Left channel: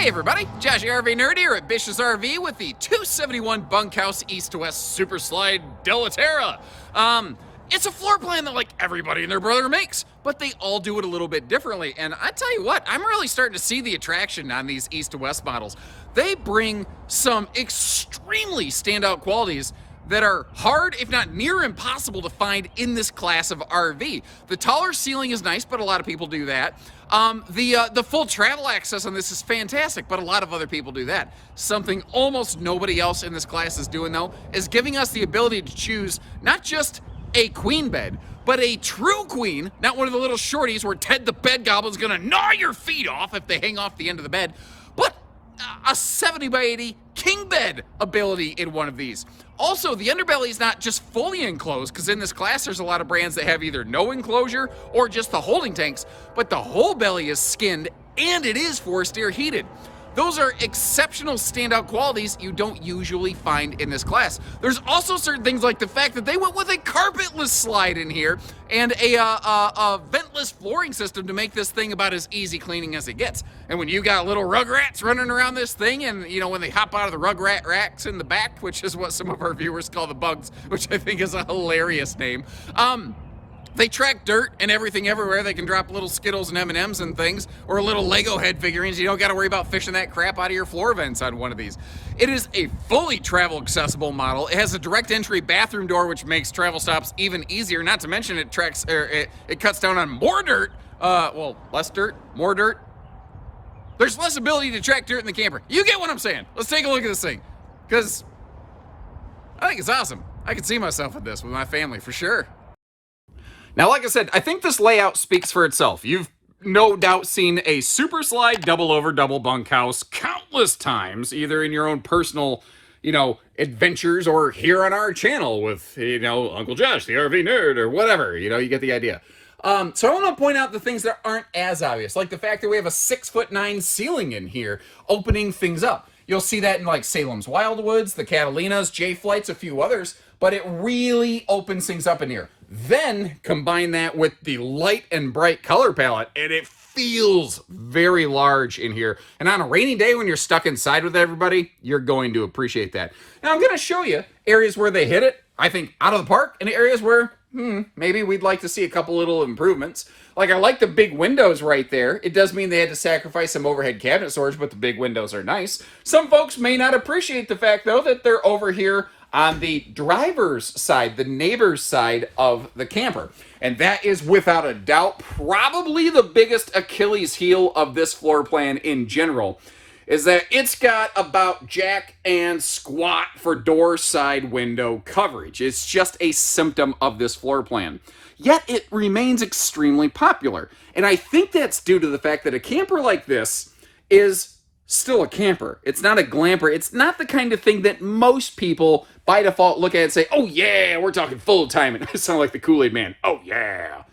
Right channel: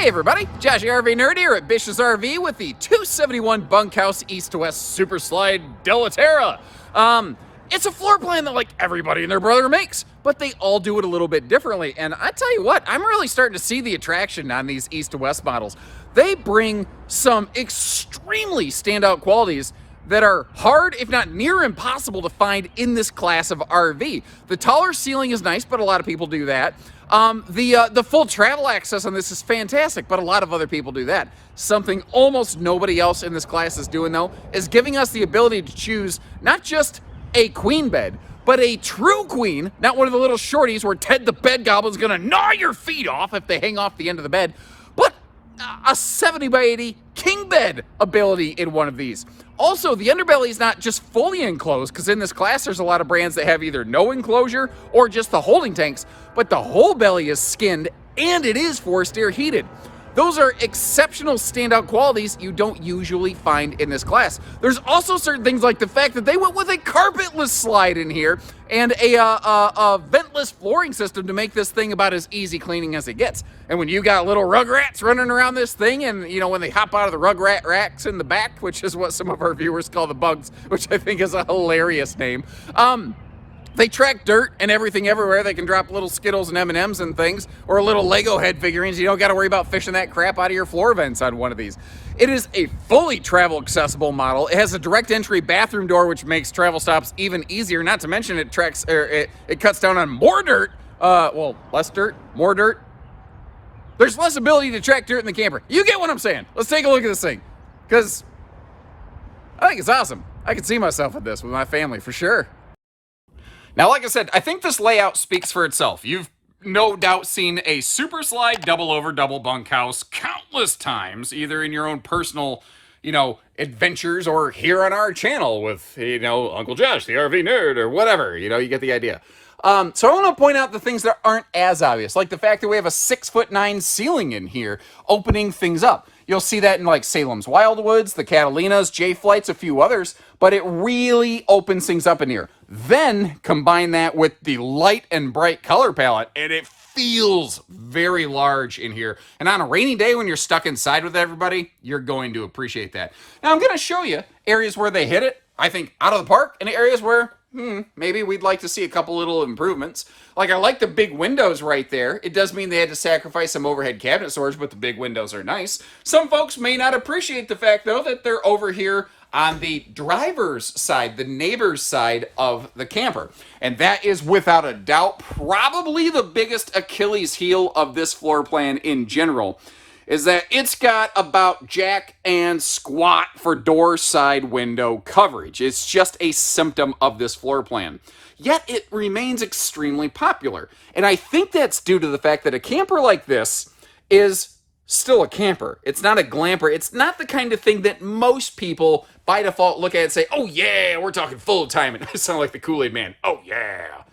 Hey everybody, Josh RV Nerd here at Bish's RV with the 271 Bunkhouse East to West Super Slide Della Terra. It's a floor plan that like everybody and their brother makes, but they all do it a little bit differently. And I tell you what, I'm really starting to see the attraction on these East to West models. They bring some extremely standout qualities that are hard, if not near impossible, to find in this class of RV. The taller ceiling is nice, but a lot of people do that. The full travel access on this is fantastic, but a lot of other people do that. Something almost nobody else in this class is doing, though, is giving us the ability to choose not just a queen bed, but a true queen, not one of the little shorties where Ted the Bed Goblin's gonna gnaw your feet off if they hang off the end of the bed, but a 70 by 80 king bed ability in one of these. Also, the underbelly is not just fully enclosed, because in this class there's a lot of brands that have either no enclosure or just the holding tanks, but the whole belly is skinned and it is forced air heated. Those are exceptional standout qualities you don't usually find in this class. There's also certain things like the fact that they went with a carpetless slide in here and a ventless flooring system to make this thing about as easy cleaning as it gets. And when you got little rugrats running around this thing, and you know, when they hop out of the rugrat racks in the back, which is what some of our viewers call the bugs, which I think is a hilarious name, they track dirt and everything everywhere. They can drop little Skittles and M&Ms and things, or little Lego head figurines. You don't got to worry about fishing that crap out of your floor vents on one of these. It is a fully travel accessible model. It has a direct entry bathroom door, which makes travel stops even easier. Not to mention it tracks, or it cuts down on more dirt. Well, less dirt, more dirt. There's less ability to track dirt in the camper. You get what I'm saying. Let's take a look at this thing, because I think it's awesome. I can see myself with this with my family for sure. Now, like I said, I think this layout speaks for itself. You've no doubt seen a super slide double over double bunkhouse countless times, either in your own personal, adventures, or here on our channel with, Uncle Josh, the RV nerd, or whatever. You get the idea. So I want to point out the things that aren't as obvious, like the fact that we have a 6'9" ceiling in here, opening things up. You'll see that in like Salem's Wildwoods, the Catalinas, J-Flights, a few others, but it really opens things up in here. Then combine that with the light and bright color palette, and it feels very large in here. And on a rainy day when you're stuck inside with everybody, you're going to appreciate that. Now I'm going to show you areas where they hit it, I think, out of the park, and areas where maybe we'd like to see a couple little improvements. Like, I like the big windows right there. It does mean they had to sacrifice some overhead cabinet storage, but the big windows are nice. Some folks may not appreciate the fact, though, that they're over here on the driver's side, the neighbor's side of the camper. And that is, without a doubt, probably the biggest Achilles heel of this floor plan in general, is that it's got about jack and squat for door side window coverage. It's just a symptom of this floor plan. Yet it remains extremely popular. And I think that's due to the fact that a camper like this is still a camper. It's not a glamper. It's not the kind of thing that most people by default look at and say, oh yeah, we're talking full time. And I sound like the Kool-Aid Man. Oh yeah.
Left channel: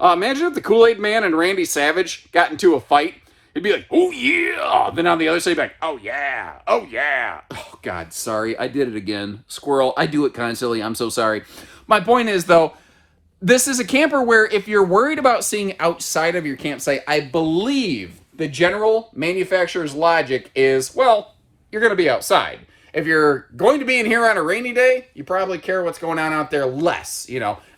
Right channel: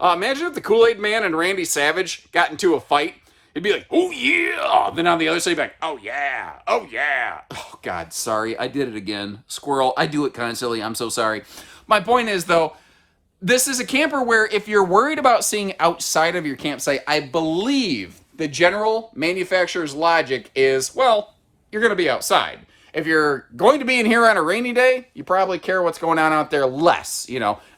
Imagine if the Kool-Aid Man and Randy Savage got into a fight. It'd be like, oh yeah. Then on the other side, like, oh yeah, oh yeah. Oh God, sorry, I did it again. Squirrel, I do it constantly. I'm so sorry. My point is, though, this is a camper where if you're worried about seeing outside of your campsite, I believe the general manufacturer's logic is, well, you're going to be outside. If you're going to be in here on a rainy day, you probably care what's going on out there less.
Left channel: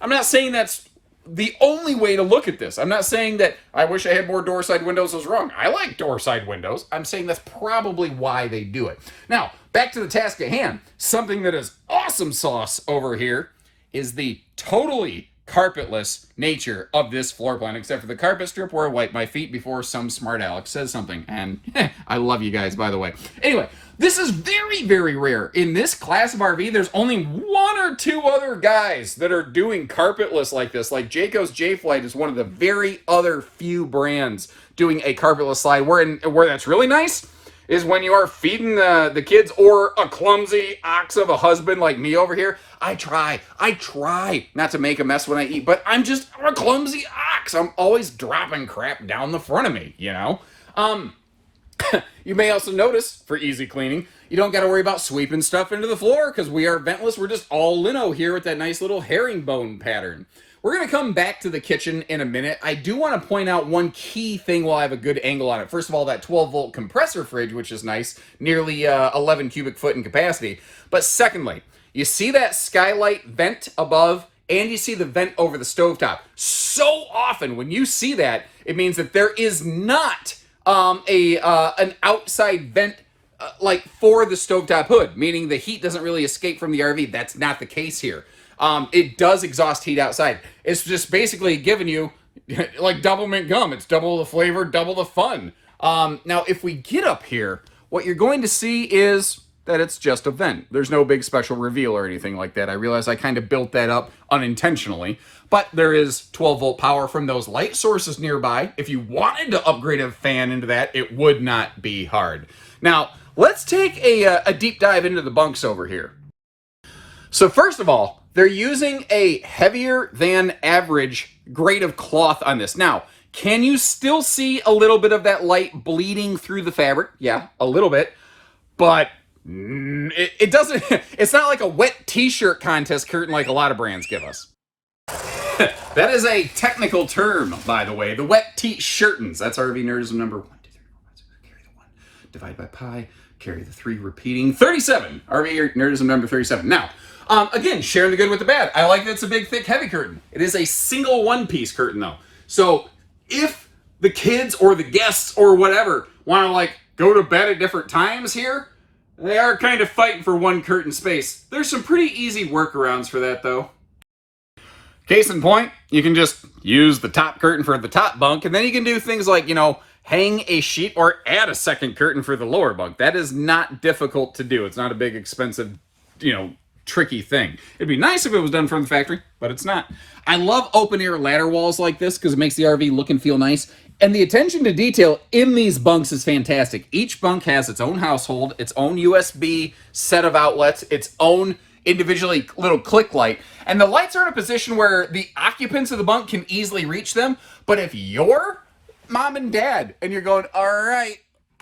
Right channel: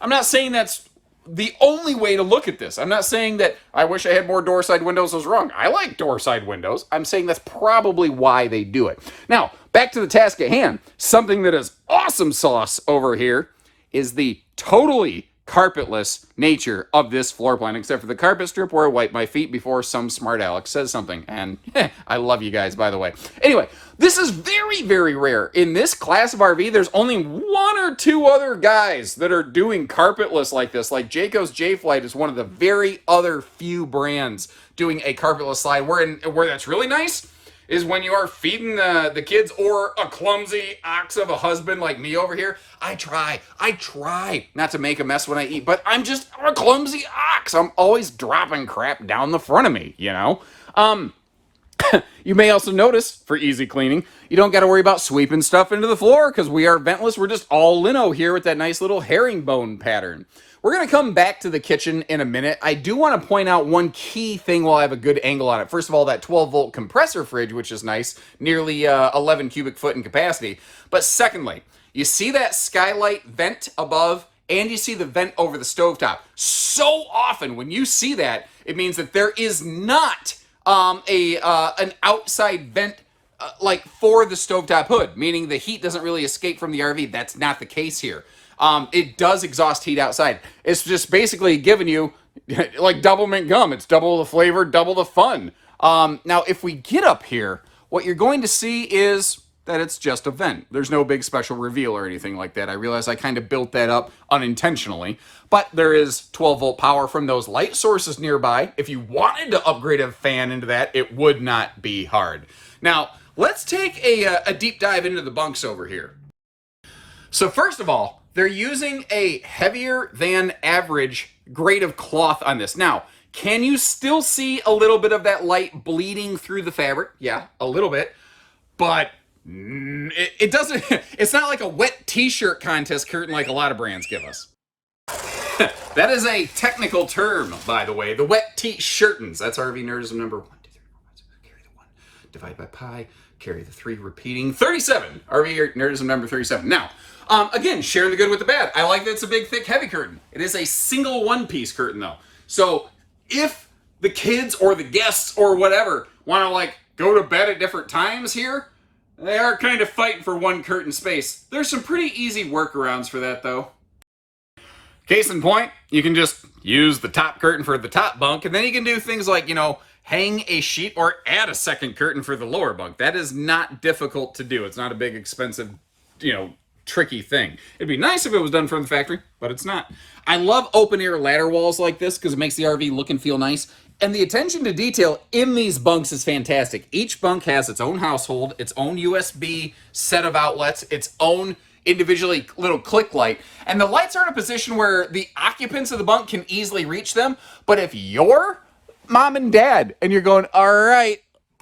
I'm not saying that's the only way to look at this. I'm not saying that I wish I had more door side windows was wrong. I like door side windows. I'm saying that's probably why they do it. Now, back to the task at hand. Something that is awesome sauce over here is the totally carpetless nature of this floor plan, except for the carpet strip where I wipe my feet before some smart Alex says something. And I love you guys, by the way. Anyway, this is very, very rare. In this class of RV, there's only one or two other guys that are doing carpetless like this. Like Jayco's J-Flight is one of the very other few brands doing a carpetless slide. Where that's really nice is when you are feeding the kids, or a clumsy ox of a husband like me over here. I try not to make a mess when I eat, but I'm a clumsy ox. I'm always dropping crap down the front of me, You may also notice, for easy cleaning, you don't got to worry about sweeping stuff into the floor, because we are ventless. We're just all lino here with that nice little herringbone pattern. we're going to come back to the kitchen in a minute. I do want to point out one key thing while I have a good angle on it. First of all, that 12-volt compressor fridge, which is nice, nearly 11 cubic foot in capacity. But secondly, you see that skylight vent above, and you see the vent over the stovetop. So often when you see that, it means that there is not an outside vent like for the stovetop hood, meaning the heat doesn't really escape from the RV. That's not the case here. It does exhaust heat outside. It's just basically giving you like double mint gum. It's double the flavor, double the fun. Now, if we get up here, what you're going to see is that it's just a vent. There's no big special reveal or anything like that. I realize I kind of built that up unintentionally, but there is 12-volt power from those light sources nearby. If you wanted to upgrade a fan into that, it would not be hard. Now, let's take a deep dive into the bunks over here. So first of all, they're using a heavier than average grade of cloth on this. Now, can you still see a little bit of that light bleeding through the fabric? Yeah, a little bit, but it doesn't, it's not like a wet t-shirt contest curtain like a lot of brands give us. That is a technical term, by the way. The wet t-shirtins. That's RV Nerdism number 1, 2, 3, 4, 5, 6. Carry the 1. Divide by pi. Carry the 3. Repeating. 37. RV Nerdism number 37. Now, again, sharing the good with the bad. I like that it's a big, thick, heavy curtain. It is a single one-piece curtain, though. So if the kids or the guests or whatever want to, like, go to bed at different times here, they are kind of fighting for one curtain space. There's some pretty easy workarounds for that, though. Case in point, you can just use the top curtain for the top bunk, and then you can do things like, you know, hang a sheet or add a second curtain for the lower bunk. That is not difficult to do. It's not a big, expensive, you know, tricky thing. It'd be nice if it was done from the factory, but it's not. I love open-air ladder walls like this because it makes the RV look and feel nice. And the attention to detail in these bunks is fantastic. Each bunk has its own household, its own USB set of outlets, its own individually little click light. And the lights are in a position where the occupants of the bunk can easily reach them. But if you're mom and dad and you're going, all right,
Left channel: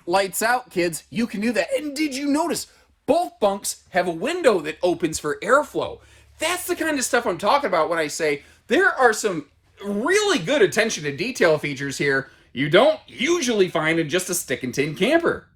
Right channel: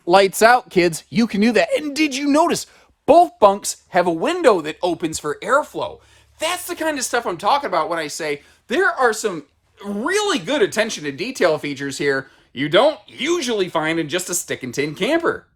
lights out, kids, you can do that. And did you notice both bunks have a window that opens for airflow? That's the kind of stuff I'm talking about when I say there are some really good attention to detail features here you don't usually find in just a stick and tin camper.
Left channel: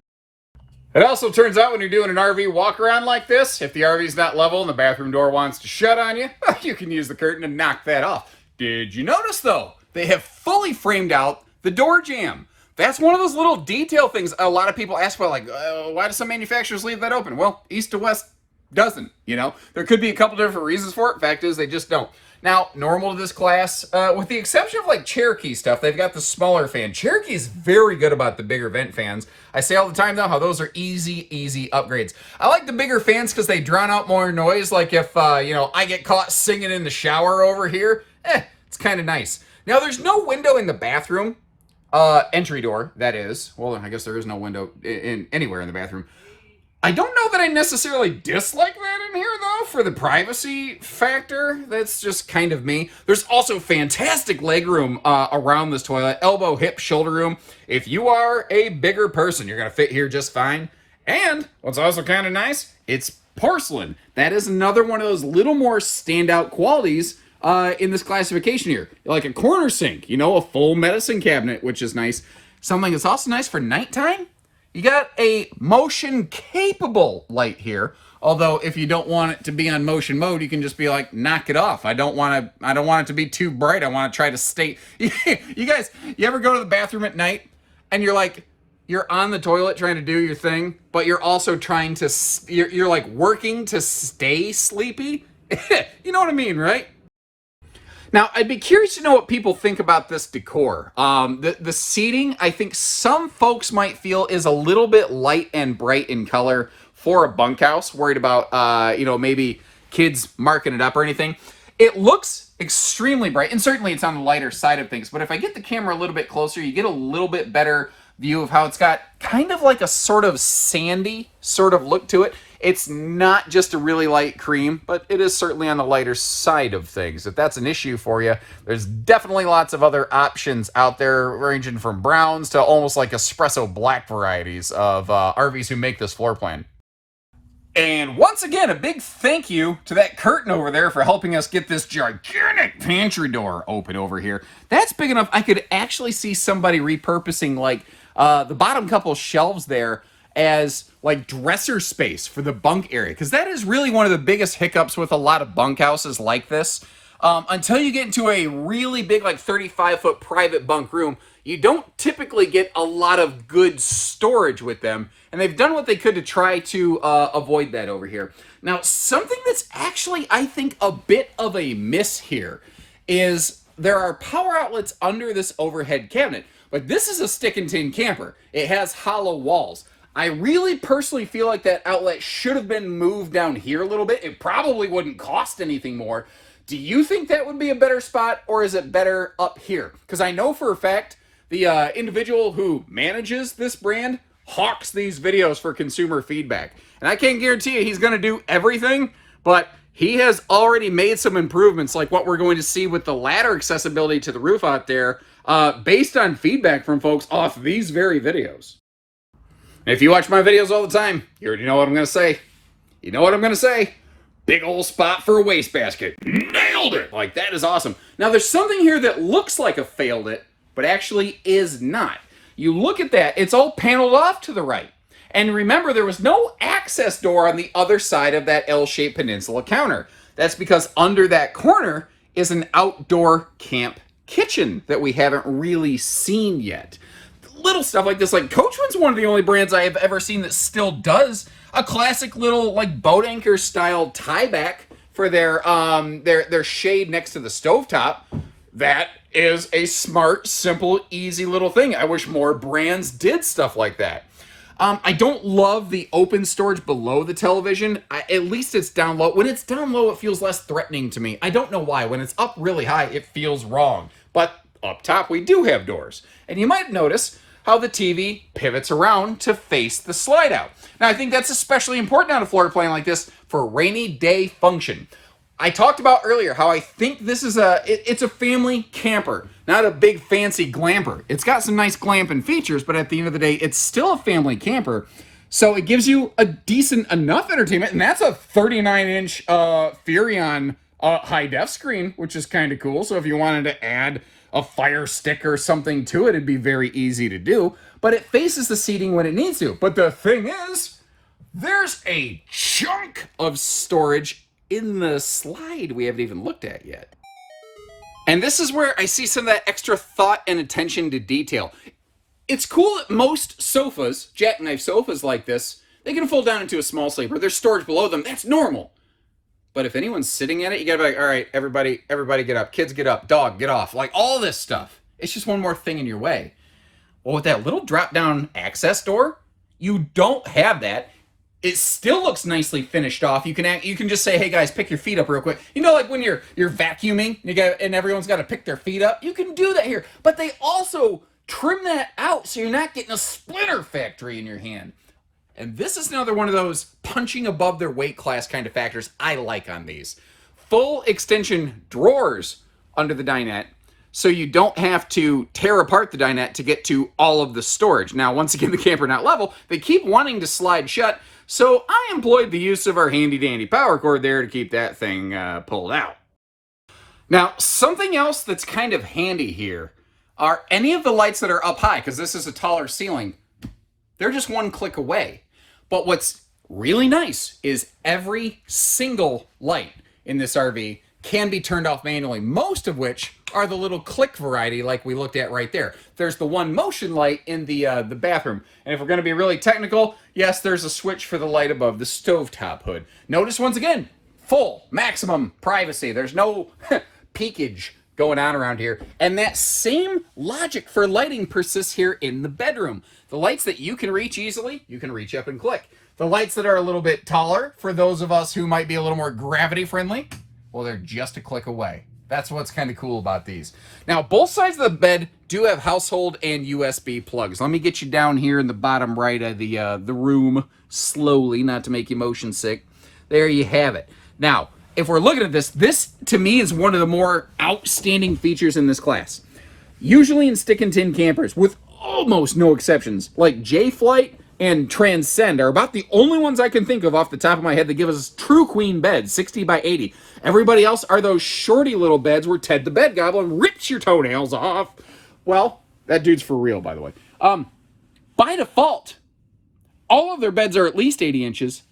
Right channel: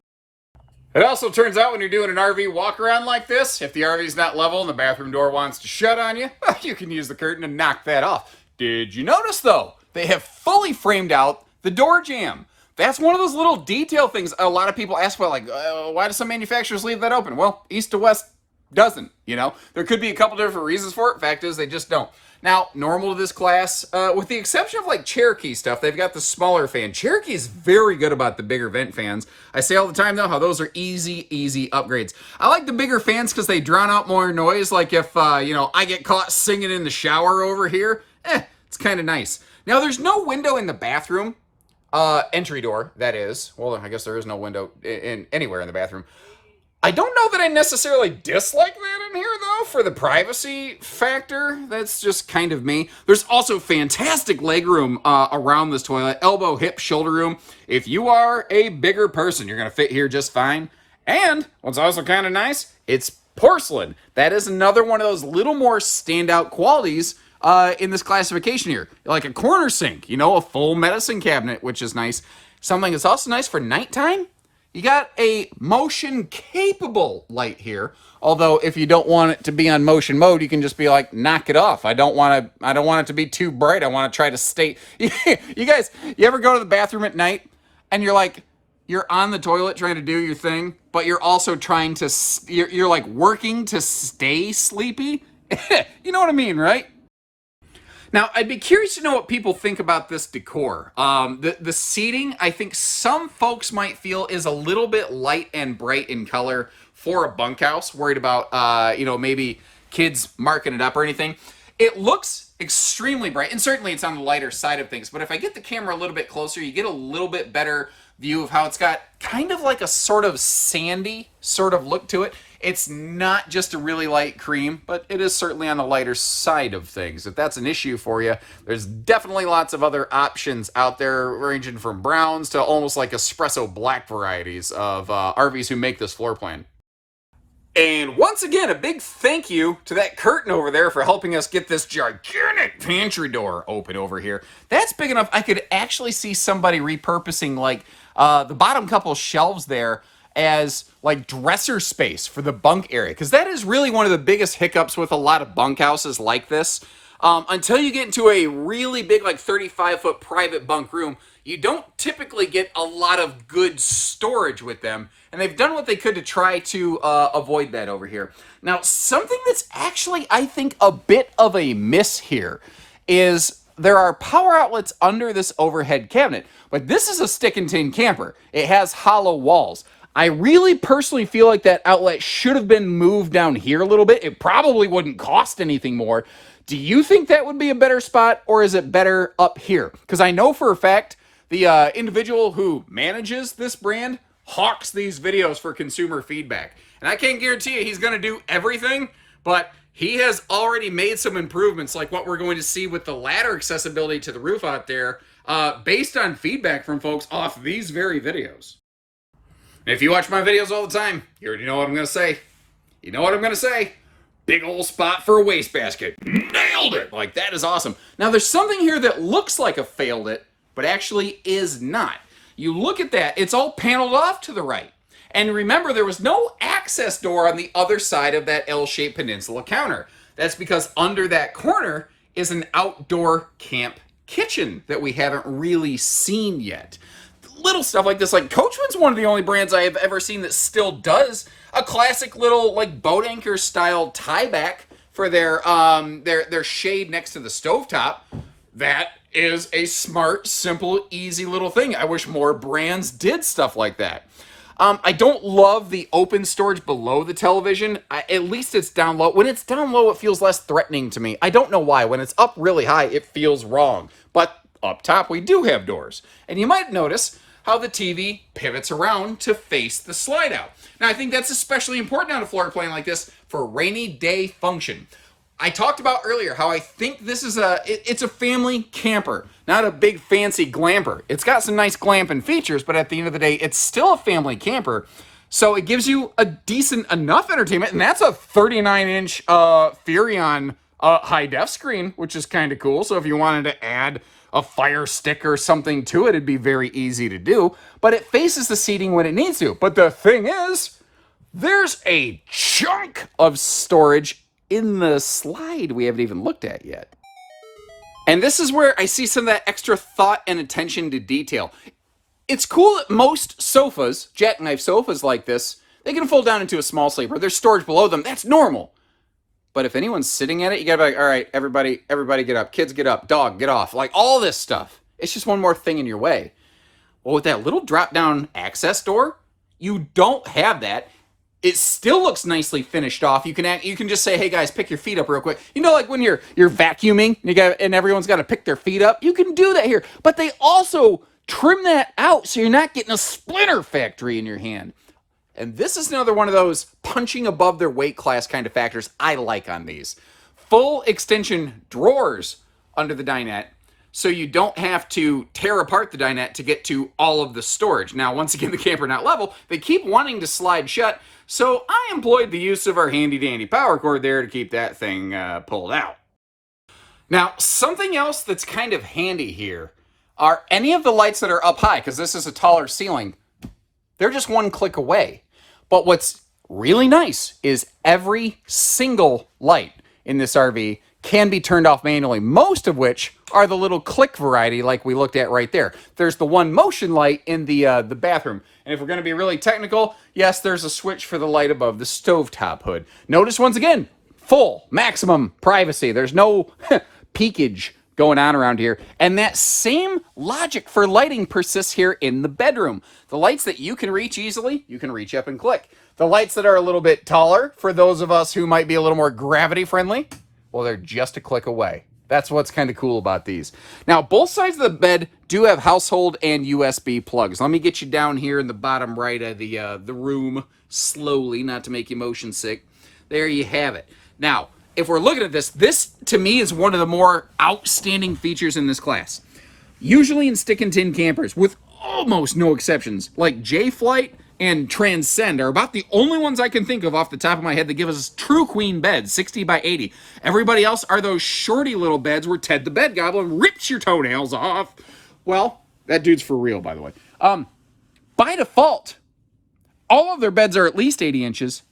It also turns out when you're doing an RV walk around like this, if the RV's not level and the bathroom door wants to shut on you, you can use the curtain and knock that off. Did you notice though, they have fully framed out the door jamb? That's one of those little detail things a lot of people ask about, like, why do some manufacturers leave that open? Well, East to West doesn't, you know? There could be a couple different reasons for it. Fact is, they just don't. Now, normal to this class, with the exception of like Cherokee stuff, they've got the smaller fan. Cherokee's very good about the bigger vent fans. I say all the time though, how those are easy upgrades. I like the bigger fans because they drown out more noise. Like if, you know, I get caught singing in the shower over here, it's kind of nice. Now, there's no window in the bathroom, entry door, that is. Well, I guess there is no window in anywhere in the bathroom. I don't know that I necessarily dislike that in here, though, for the privacy factor. That's just kind of me. There's also fantastic leg room around this toilet. Elbow, hip, shoulder room. If you are a bigger person, you're going to fit here just fine. And what's also kind of nice, it's porcelain. That is another one of those little more standout qualities in this classification here. Like a corner sink, you know, a full medicine cabinet, which is nice. Something that's also nice for nighttime. You got a motion-capable light here. Although, if you don't want it to be on motion mode, you can just be like, knock it off. I don't want it to be too bright. I want to try to stay. You guys, you ever go to the bathroom at night and you're on the toilet trying to do your thing, but you're also trying to, you're like working to stay sleepy? You know what I mean, right? Now, I'd be curious to know what people think about this decor. The seating, I think some folks might feel is a little bit light and bright in color for a bunkhouse, worried about, you know, maybe kids marking it up or anything. It looks extremely bright, and certainly it's on the lighter side of things, but if I get the camera a little bit closer, you get a little bit better view of how it's got kind of like a sort of sandy sort of look to it. It's not just a really light cream, but it is certainly on the lighter side of things. If that's an issue for you, there's definitely lots of other options out there, ranging from browns to almost like espresso black varieties of RVs who make this floor plan. And once again, a big thank you to that curtain over there for helping us get this gigantic gigantic pantry door open over here. That's big enough I could actually see somebody repurposing like the bottom couple shelves there as like dresser space for the bunk area, because that is really one of the biggest hiccups with a lot of bunkhouses like this. Until you get into a really big, like 35-foot private bunk room, you don't typically get a lot of good storage with them, and they've done what they could to try to avoid that over here. Now, something that's actually, I think, a bit of a miss here is there are power outlets under this overhead cabinet, but this is a stick and tin camper. It has hollow walls. I really personally feel like that outlet should have been moved down here a little bit. It probably wouldn't cost anything more. Do you think that would be a better spot, or is it better up here? Because I know for a fact the individual who manages this brand hawks these videos for consumer feedback. And I can't guarantee you he's going to do everything, but he has already made some improvements, like what we're going to see with the ladder accessibility to the roof out there, based on feedback from folks off these very videos. If you watch my videos all the time, you already know what I'm going to say. You know what I'm going to say. Big old spot for a wastebasket. Nailed it! Like, that is awesome. Now, there's something here that looks like a failed it, but actually is not. You look at that, it's all paneled off to the right. And remember, there was no access door on the other side of that L-shaped peninsula counter. That's because under that corner is an outdoor camp kitchen that we haven't really seen yet. Little stuff like this, like Coachman's one of the only brands I have ever seen that still does a classic little like boat anchor style tie back for their shade next to the stovetop. That is a smart, simple, easy little thing. I wish more brands did stuff like that. I don't love the open storage below the television. At least it's down low. When it's down low, it feels less threatening to me. I don't know why. When it's up really high, it feels wrong. But up top, we do have doors. And you might notice how the TV pivots around to face the slide out. Now, I think that's especially important on a floor plan like this for rainy day function. I talked about earlier how I think this is it's a family camper, not a big fancy glamper. It's got some nice glamping features, but at the end of the day, it's still a family camper. So it gives you a decent enough entertainment, and that's a 39-inch Furrion high-def screen, which is kind of cool. So if you wanted to add a Fire Stick or something to it, it'd be very easy to do. But it faces the seating when it needs to. But the thing is, there's a chunk of storage in the slide we haven't even looked at yet. And this is where I see some of that extra thought and attention to detail. It's cool that most sofas, jackknife sofas like this, they can fold down into a small sleeper. There's storage below them. That's normal. But if anyone's sitting at it, you gotta be like, all right, everybody get up. Kids get up. Dog, get off. Like, all this stuff. It's just one more thing in your way. Well, with that little drop-down access door, you don't have that. It still looks nicely finished off. You can just say, hey guys, pick your feet up real quick. You know, like when you're vacuuming and everyone's got to pick their feet up. You can do that here. But they also trim that out so you're not getting a splinter factory in your hand. And this is another one of those punching above their weight class kind of factors I like on these. Full extension drawers under the dinette, so you don't have to tear apart the dinette to get to all of the storage. Now, once again, the camper not level, they keep wanting to slide shut, so I employed the use of our handy-dandy power cord there to keep that thing pulled out. Now, something else that's kind of handy here are any of the lights that are up high, because this is a taller ceiling, they're just one click away. But what's really nice is every single light in this RV can be turned off manually, most of which are the little click variety like we looked at right there. There's the one motion light in the bathroom. And if we're going to be really technical, yes, there's a switch for the light above the stovetop hood. Notice once again, full, maximum privacy. There's no peekage going on around here. And that same logic for lighting persists here in the bedroom. The lights that you can reach easily, you can reach up and click. The lights that are a little bit taller, for those of us who might be a little more gravity friendly, well, they're just a click away. That's what's kind of cool about these. Now, both sides of the bed do have household and USB plugs. Let me get you down here in the bottom right of the room slowly, not to make you motion sick. There you have it. Now, if we're looking at this to me is one of the more outstanding features in this class. Usually in stick and tin campers, with almost no exceptions, like J-Flight, and Transcend are about the only ones I can think of off the top of my head that give us true queen beds, 60 by 80. Everybody else are those shorty little beds where Ted the Bed Goblin rips your toenails off. Well, that dude's for real, by the way. By default, all of their beds are at least 80 inches.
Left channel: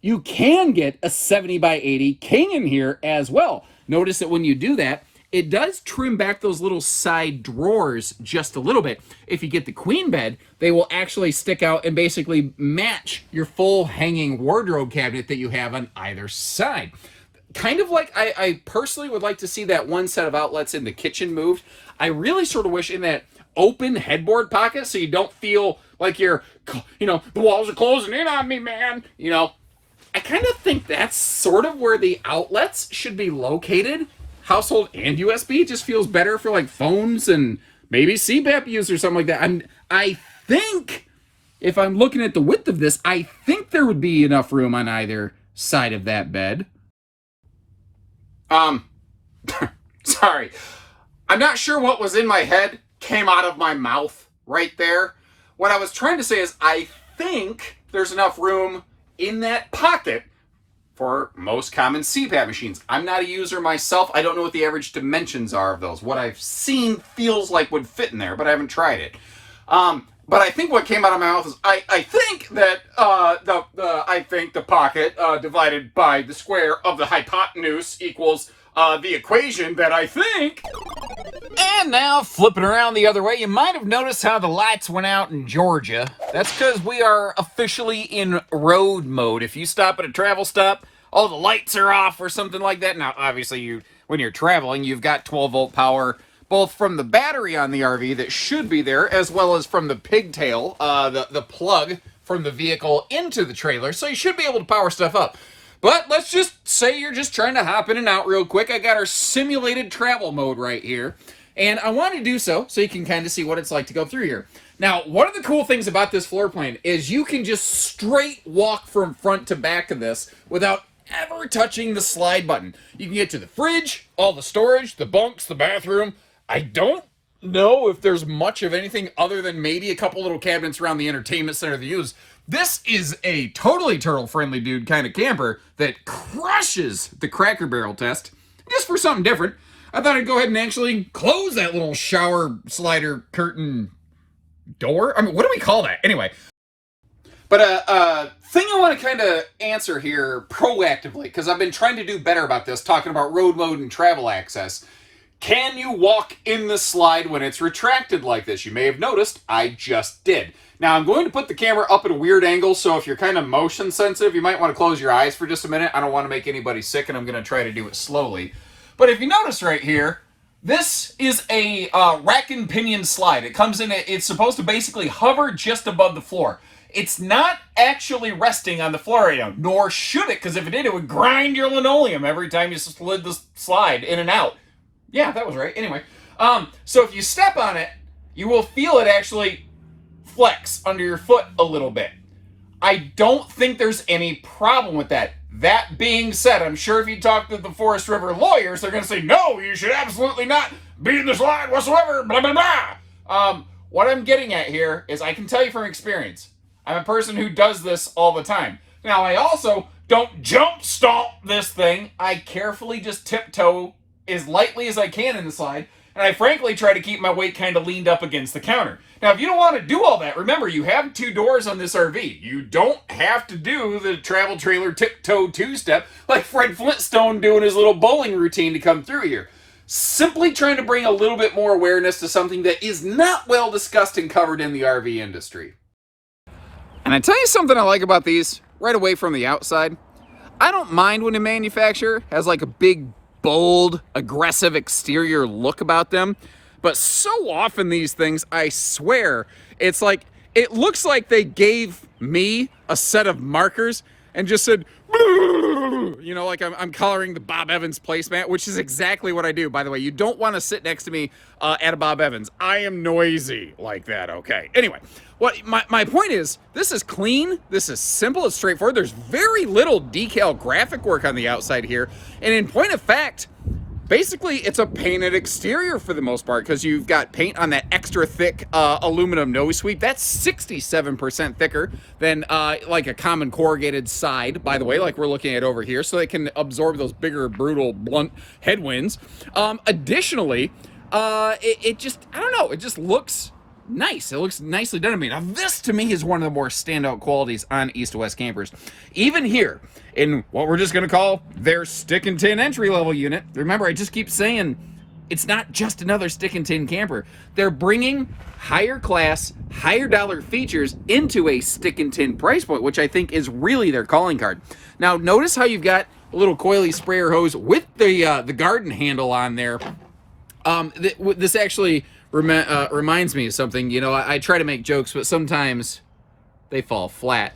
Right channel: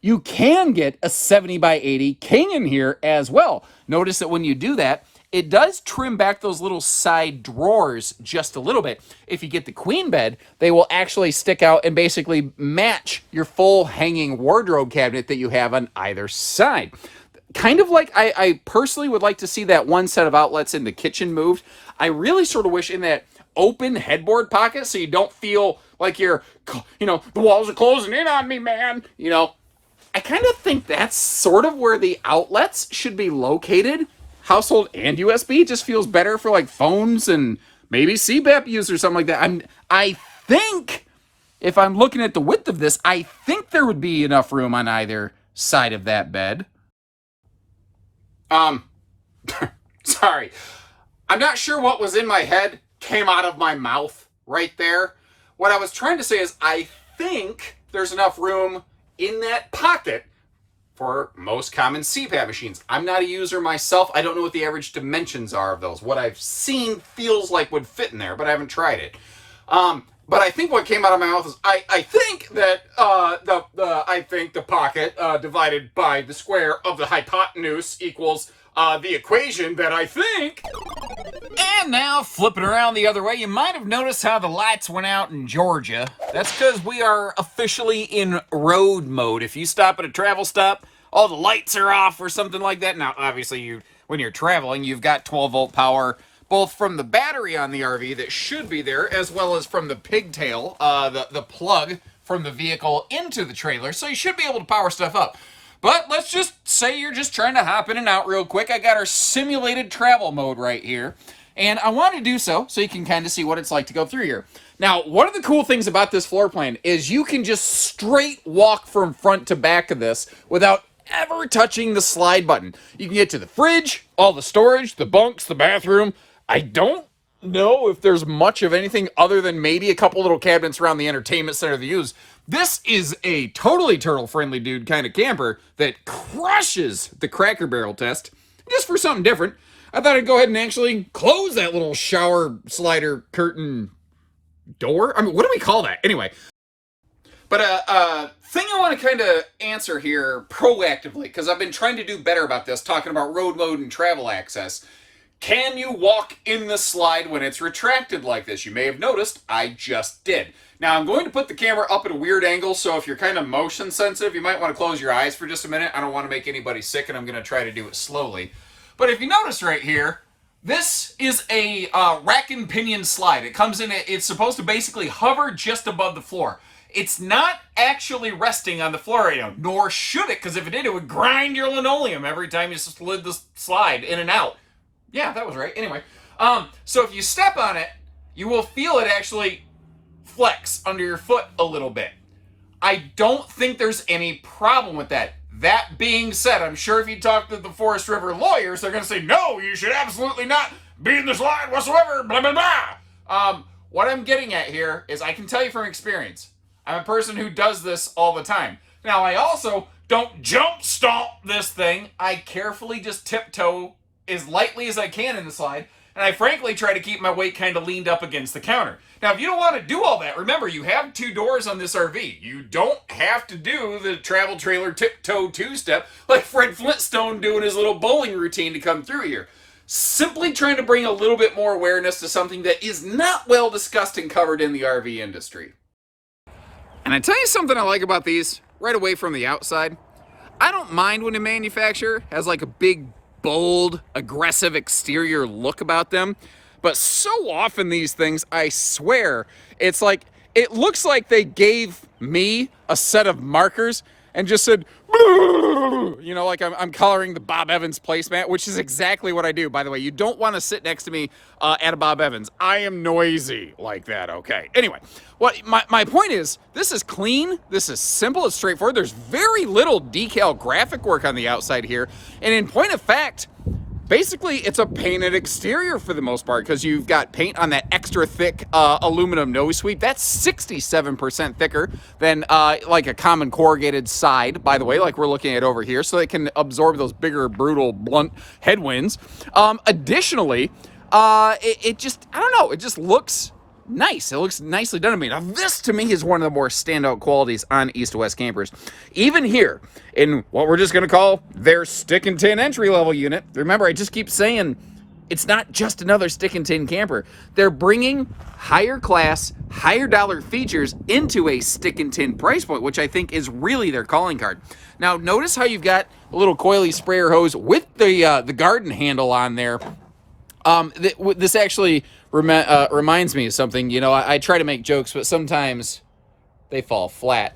You can get a 70 by 80 king in here as well. Notice that when you do that, it does trim back those little side drawers just a little bit. If you get the queen bed, they will actually stick out and basically match your full hanging wardrobe cabinet that you have on either side. Kind of like I personally would like to see that one set of outlets in the kitchen moved. I really sort of wish in that open headboard pocket so you don't feel like you're, the walls are closing in on me, man. I kind of think that's sort of where the outlets should be located. Household and USB just feels better for like phones and maybe CPAP use or something like that. I think if I'm looking at the width of this, I think there would be enough room on either side of that bed. Sorry. I'm not sure what was in my head came out of my mouth right there. What I was trying to say is I think there's enough room in that pocket for most common CPAP machines. I'm not a user myself. I don't know what the average dimensions are of those. What I've seen feels like would fit in there, but I haven't tried it. But I think what came out of my mouth is I think that the pocket divided by the square of the hypotenuse equals the equation that I think. And now, flipping around the other way, you might have noticed how the lights went out in Georgia. That's because we are officially in road mode. If you stop at a travel stop, all the lights are off or something like that. Now, obviously, when you're traveling, you've got 12-volt power, both from the battery on the RV that should be there, as well as from the pigtail, the plug from the vehicle into the trailer. So you should be able to power stuff up. But let's just say you're just trying to hop in and out real quick. I got our simulated travel mode right here. And I want to do so you can kind of see what it's like to go through here. Now, one of the cool things about this floor plan is you can just straight walk from front to back of this without ever touching the slide button. You can get to the fridge, all the storage, the bunks, the bathroom. I don't know if there's much of anything other than maybe a couple little cabinets around the entertainment center to use. This is a totally turtle-friendly dude kind of camper that crushes the Cracker Barrel test. Just for something different, I thought I'd go ahead and actually close that little shower slider curtain door. I mean, what do we call that? Anyway. But thing I want to kind of answer here proactively, because I've been trying to do better about this, talking about road mode and travel access. Can you walk in the slide when it's retracted like this? You may have noticed I just did. Now, I'm going to put the camera up at a weird angle, so if you're kind of motion sensitive, you might want to close your eyes for just a minute. I don't want to make anybody sick, and I'm going to try to do it slowly. But if you notice right here, this is a rack and pinion slide. It comes in, it's supposed to basically hover just above the floor. It's not actually resting on the floor right now, nor should it, because if it did, it would grind your linoleum every time you slid the slide in and out. Yeah, that was right. Anyway, so if you step on it, you will feel it actually flex under your foot a little bit. I don't think there's any problem with that. That being said, I'm sure if you talk to the Forest River lawyers, they're going to say, no, you should absolutely not be in the slide whatsoever, blah, blah, blah. What I'm getting at here is I can tell you from experience, I'm a person who does this all the time. Now, I also don't jump stomp this thing. I carefully just tiptoe as lightly as I can in the slide, and I frankly try to keep my weight kind of leaned up against the counter. Now, if you don't want to do all that, remember, you have 2 doors on this RV. You don't have to do the travel trailer tiptoe 2-step like Fred Flintstone doing his little bowling routine to come through here. Simply trying to bring a little bit more awareness to something that is not well discussed and covered in the RV industry. And I tell you something I like about these right away from the outside. I don't mind when a manufacturer has like a big, bold, aggressive exterior look about them. But so often these things, I swear, it's like, it looks like they gave me a set of markers and just said, you know, like I'm coloring the Bob Evans placemat, which is exactly what I do, by the way. You don't want to sit next to me at a Bob Evans. I am noisy like that, okay? Anyway, what my point is, this is clean, this is simple, it's straightforward. There's very little decal graphic work on the outside here. And in point of fact, basically it's a painted exterior for the most part, because you've got paint on that extra thick aluminum nose sweep. That's 67% thicker than like a common corrugated side, by the way, like we're looking at over here, so it can absorb those bigger, brutal, blunt headwinds. Additionally, it just, I don't know, it just looks nice. It looks nicely done to me. Now, this to me is one of the more standout qualities on East to West campers. Even here in what we're just going to call their stick and tin entry level unit. Remember, I just keep saying it's not just another stick and tin camper. They're bringing higher class, higher dollar features into a stick and tin price point, which I think is really their calling card. Now, notice how you've got a little coily sprayer hose with the garden handle on there. This actually reminds me of something. You know, I try to make jokes, but sometimes they fall flat.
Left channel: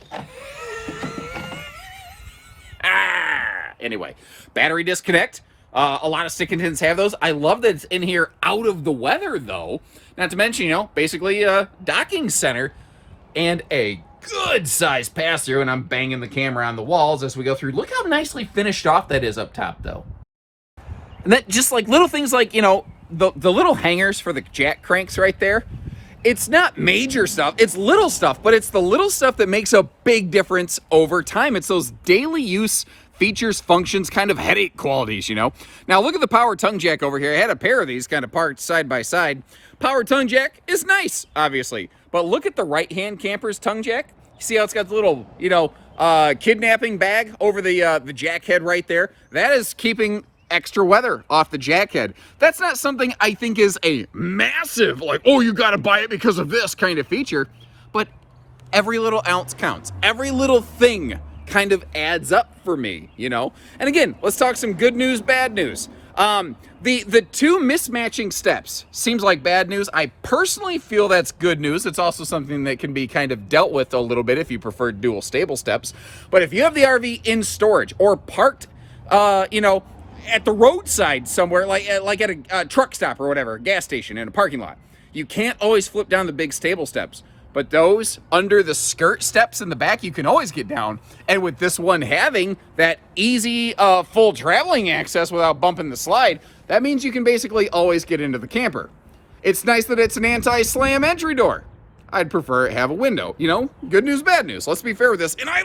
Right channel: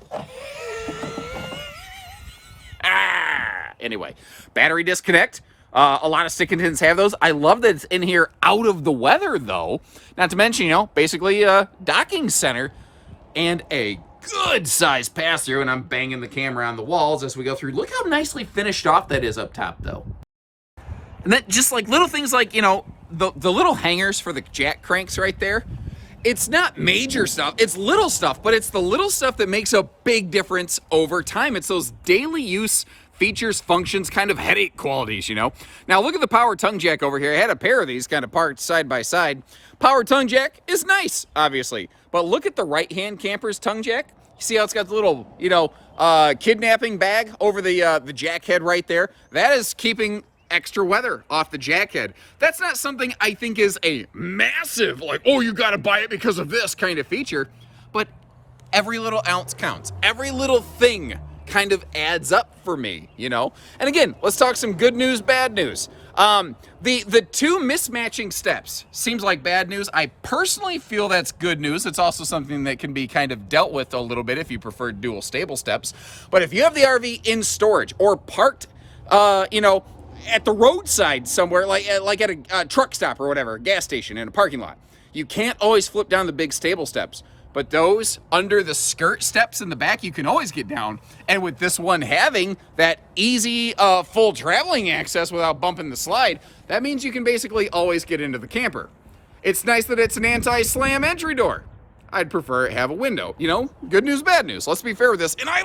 Anyway, battery disconnect. A lot of stick and tins have those. I love that it's in here out of the weather, though. Not to mention, you know, basically a docking center and a good size pass through. And I'm banging the camera on the walls as we go through. Look how nicely finished off that is up top, though. And that just like little things like, you know, the little hangers for the jack cranks right there. It's not major stuff, it's little stuff, but it's the little stuff that makes a big difference over time. It's those daily use features, functions, kind of headache qualities, you know. Now look at the power tongue jack over here. I had a pair of these kind of parked side by side. Power tongue jack is nice, obviously, but look at the right-hand camper's tongue jack. See how it's got the little, you know, kidnapping bag over the jack head right there? That is keeping extra weather off the jack head. That's not something I think is a massive, like, oh, you got to buy it because of this kind of feature, but every little ounce counts. Every little thing kind of adds up for me, you know? And again, let's talk some good news, bad news. The two mismatching steps seems like bad news. I personally feel that's good news. It's also something that can be kind of dealt with a little bit if you prefer dual stable steps. But if you have the RV in storage or parked, you know, at the roadside somewhere, like at a truck stop or whatever, a gas station in a parking lot, you can't always flip down the big stable steps. But those under the skirt steps in the back, you can always get down. And with this one having that easy full traveling access without bumping the slide, that means you can basically always get into the camper. It's nice that it's an anti-slam entry door. I'd prefer it have a window. You know, good news, bad news. Let's be fair with this. And I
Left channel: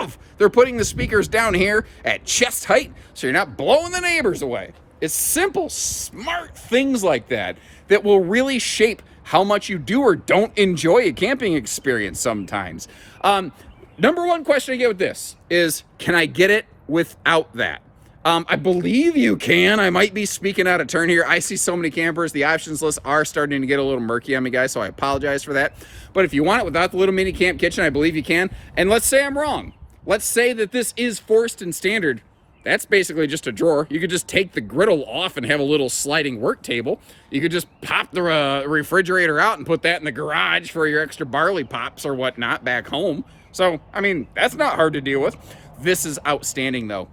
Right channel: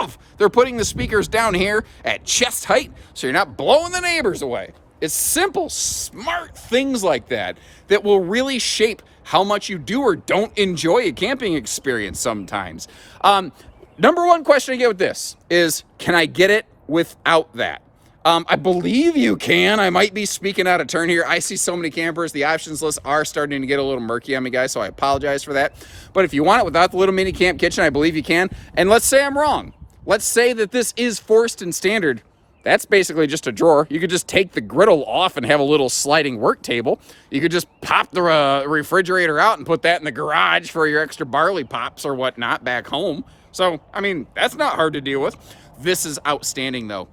love they're putting the speakers down here at chest height so you're not blowing the neighbors away. It's simple, smart things like that that will really shape how much you do or don't enjoy a camping experience sometimes. Number one question I get with this is, can I get it without that? I believe you can. I might be speaking out of turn here. I see so many campers. The options lists are starting to get a little murky on me, guys, so I apologize for that. But if you want it without the little mini camp kitchen, I believe you can. And let's say I'm wrong. Let's say that this is forced and standard. That's basically just a drawer. You could just take the griddle off and have a little sliding work table. You could just pop the refrigerator out and put that in the garage for your extra barley pops or whatnot back home. So, I mean, that's not hard to deal with. This is outstanding, though.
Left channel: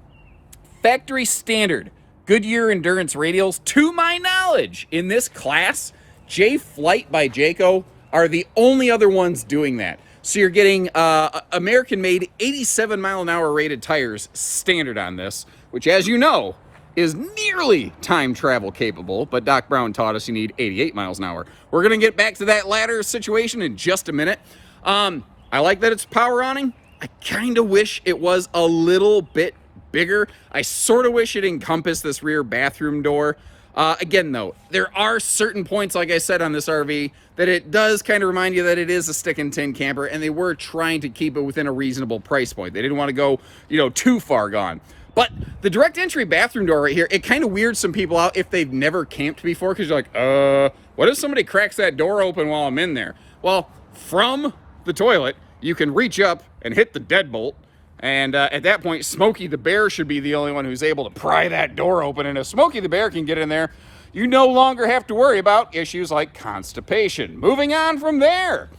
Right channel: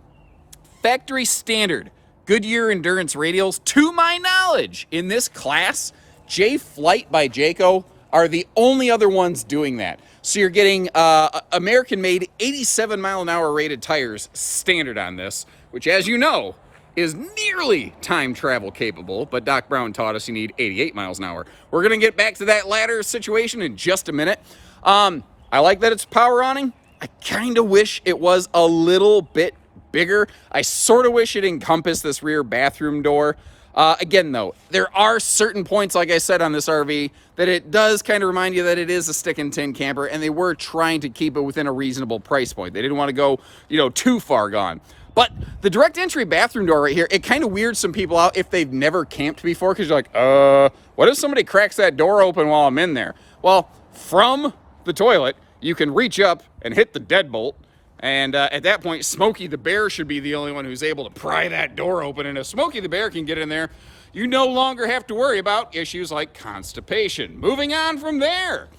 Factory standard Goodyear endurance radials, to my knowledge, in this class, J-Flight by Jayco are the only other ones doing that. So you're getting American-made 87-mile-an-hour rated tires standard on this, which, as you know, is nearly time travel capable, but Doc Brown taught us you need 88 miles an hour. We're going to get back to that ladder situation in just a minute. I like that it's power awning. I kind of wish it was a little bit bigger. I sort of wish it encompassed this rear bathroom door. Again, though, there are certain points, like I said, on this RV that it does kind of remind you that it is a stick and tin camper, and they were trying to keep it within a reasonable price point. They didn't want to go, you know, too far gone. But the direct entry bathroom door right here, it kind of weirds some people out if they've never camped before, because you're like, what if somebody cracks that door open while I'm in there? Well, from the toilet, you can reach up and hit the deadbolt. And at that point, Smokey the Bear should be the only one who's able to pry that door open. And if Smokey the Bear can get in there, you no longer have to worry about issues like constipation. Moving on from there,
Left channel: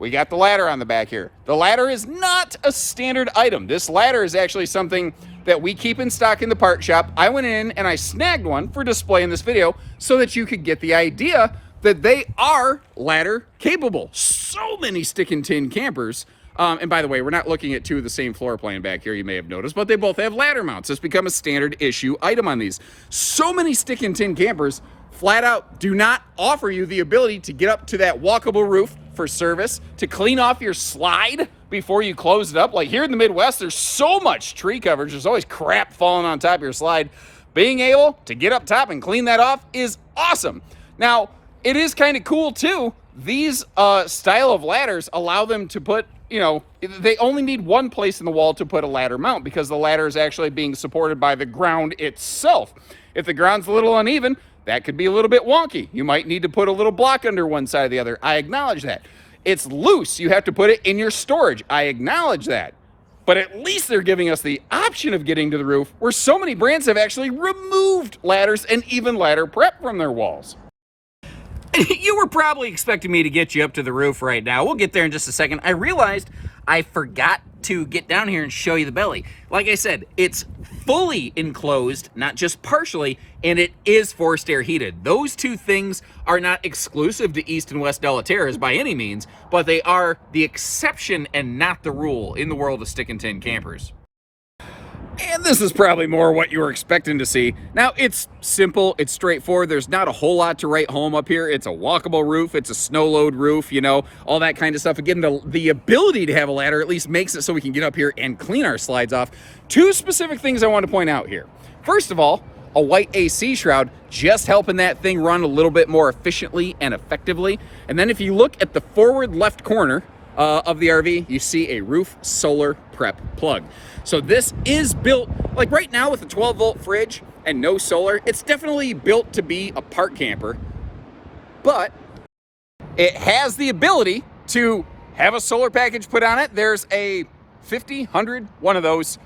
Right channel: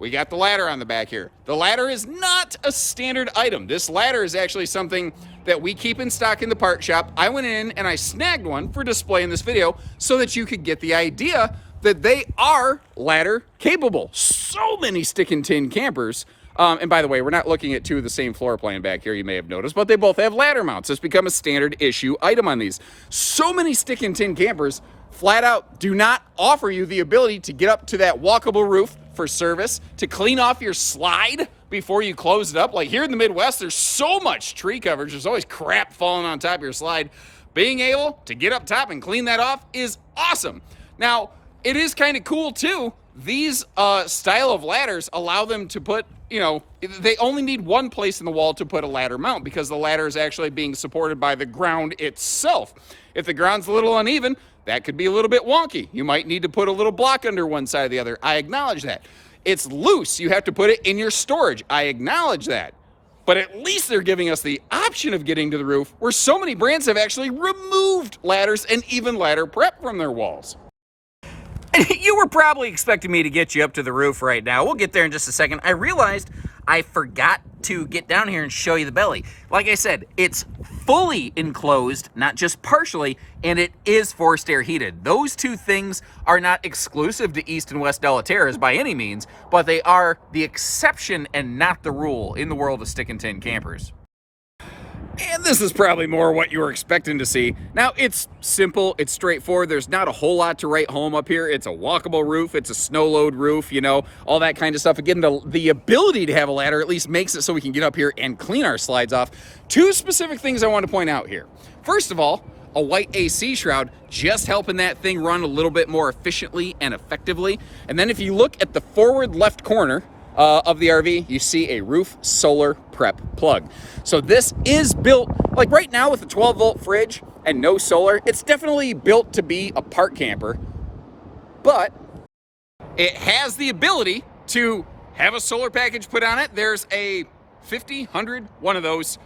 we got the ladder on the back here. The ladder is not a standard item. This ladder is actually something that we keep in stock in the part shop. I went in and I snagged one for display in this video so that you could get the idea that they are ladder capable. So many stick and tin campers And by the way, we're not looking at two of the same floor plan back here, you may have noticed, but they both have ladder mounts. It's become a standard issue item on these. So many stick and tin campers flat out do not offer you the ability to get up to that walkable roof for service, to clean off your slide before you close it up. Like here in the Midwest, there's so much tree coverage. There's always crap falling on top of your slide. Being able to get up top and clean that off is awesome. Now, it is kind of cool too. These style of ladders allow them to put, they only need one place in the wall to put a ladder mount because the ladder is actually being supported by the ground itself. If the ground's a little uneven, that could be a little bit wonky. You might need to put a little block under one side or the other. I acknowledge that. It's loose. You have to put it in your storage. I acknowledge that. But at least they're giving us the option of getting to the roof, where so many brands have actually removed ladders and even ladder prep from their walls. You were probably expecting me to get you up to the roof right now. We'll get there in just a second. I realized I forgot to get down here and show you the belly. Like I said, it's fully enclosed, not just partially, and it is forced air heated. Those two things are not exclusive to East and West Della Terras by any means, but they are the exception and not the rule in the world of stick and tin campers. And this is probably more what you were expecting to see. Now, it's simple, it's straightforward. There's not a whole lot to write home up here. It's a walkable roof, it's a snow load roof, all that kind of stuff. Again, the ability to have a ladder at least makes it so we can get up here and clean our slides off. Two specific things I want to point out here. First of all, a white AC shroud, just helping that thing run a little bit more efficiently and effectively. And then if you look at the forward left corner of the RV, you see a roof solar prep plug. So this is built, like right now with a 12-volt fridge and no solar, it's definitely built to be a park camper, but it has the ability to have a solar package put on it. There's a 50, 100, one of those.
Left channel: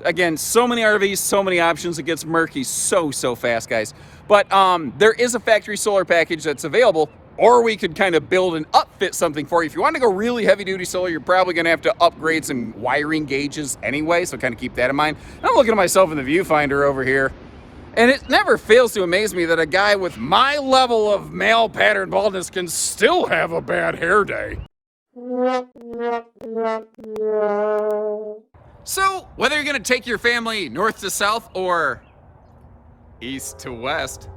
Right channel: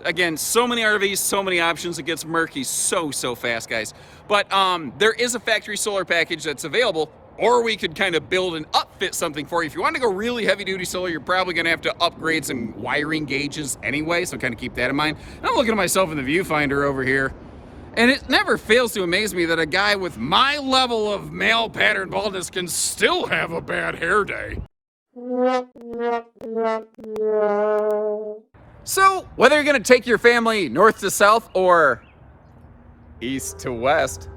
Again, so many RVs, so many options, it gets murky so fast, guys. But there is a factory solar package that's available, or we could kind of build and upfit something for you. If you want to go really heavy duty solar, you're probably going to have to upgrade some wiring gauges anyway, so kind of keep that in mind. I'm looking at myself in the viewfinder over here, and it never fails to amaze me that a guy with my level of male pattern baldness can still have a bad hair day. So, whether you're going to take your family north to south or east to west,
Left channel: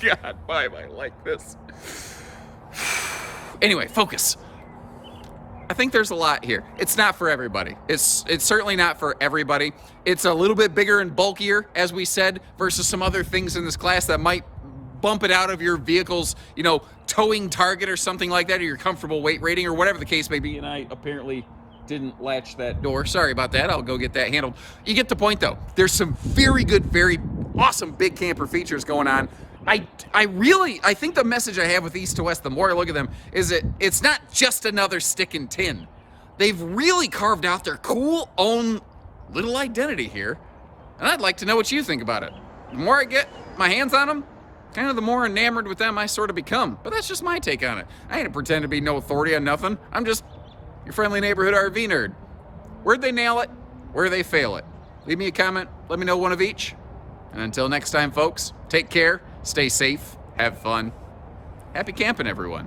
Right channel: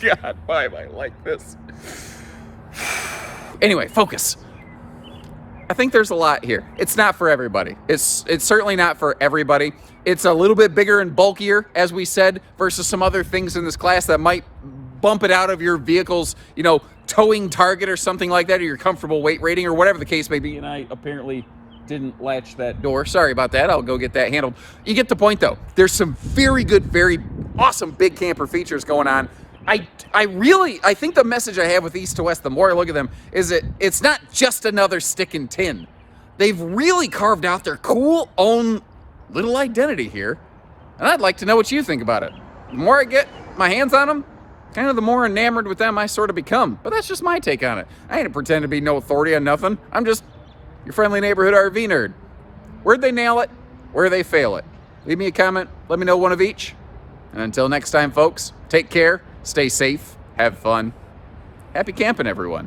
God, why am I like this? Anyway, focus. I think there's a lot here. It's not for everybody. It's certainly not for everybody. It's a little bit bigger and bulkier, as we said, versus some other things in this class that might bump it out of your vehicle's, towing target or something like that, or your comfortable weight rating or whatever the case may be. And I apparently didn't latch that door. Sorry about that. I'll go get that handled. You get the point, though. There's some very good, very awesome big camper features going on. I think the message I have with East to West, the more I look at them, is that it's not just another stick and tin. They've really carved out their cool own little identity here, and I'd like to know what you think about it. The more I get my hands on them, kind of the more enamored with them I sort of become. But that's just my take on it. I ain't pretend to be no authority on nothing. I'm just your friendly neighborhood RV nerd. Where'd they nail it? Where'd they fail it? Leave me a comment. Let me know one of each. And until next time, folks, take care. Stay safe, have fun. Happy camping, everyone.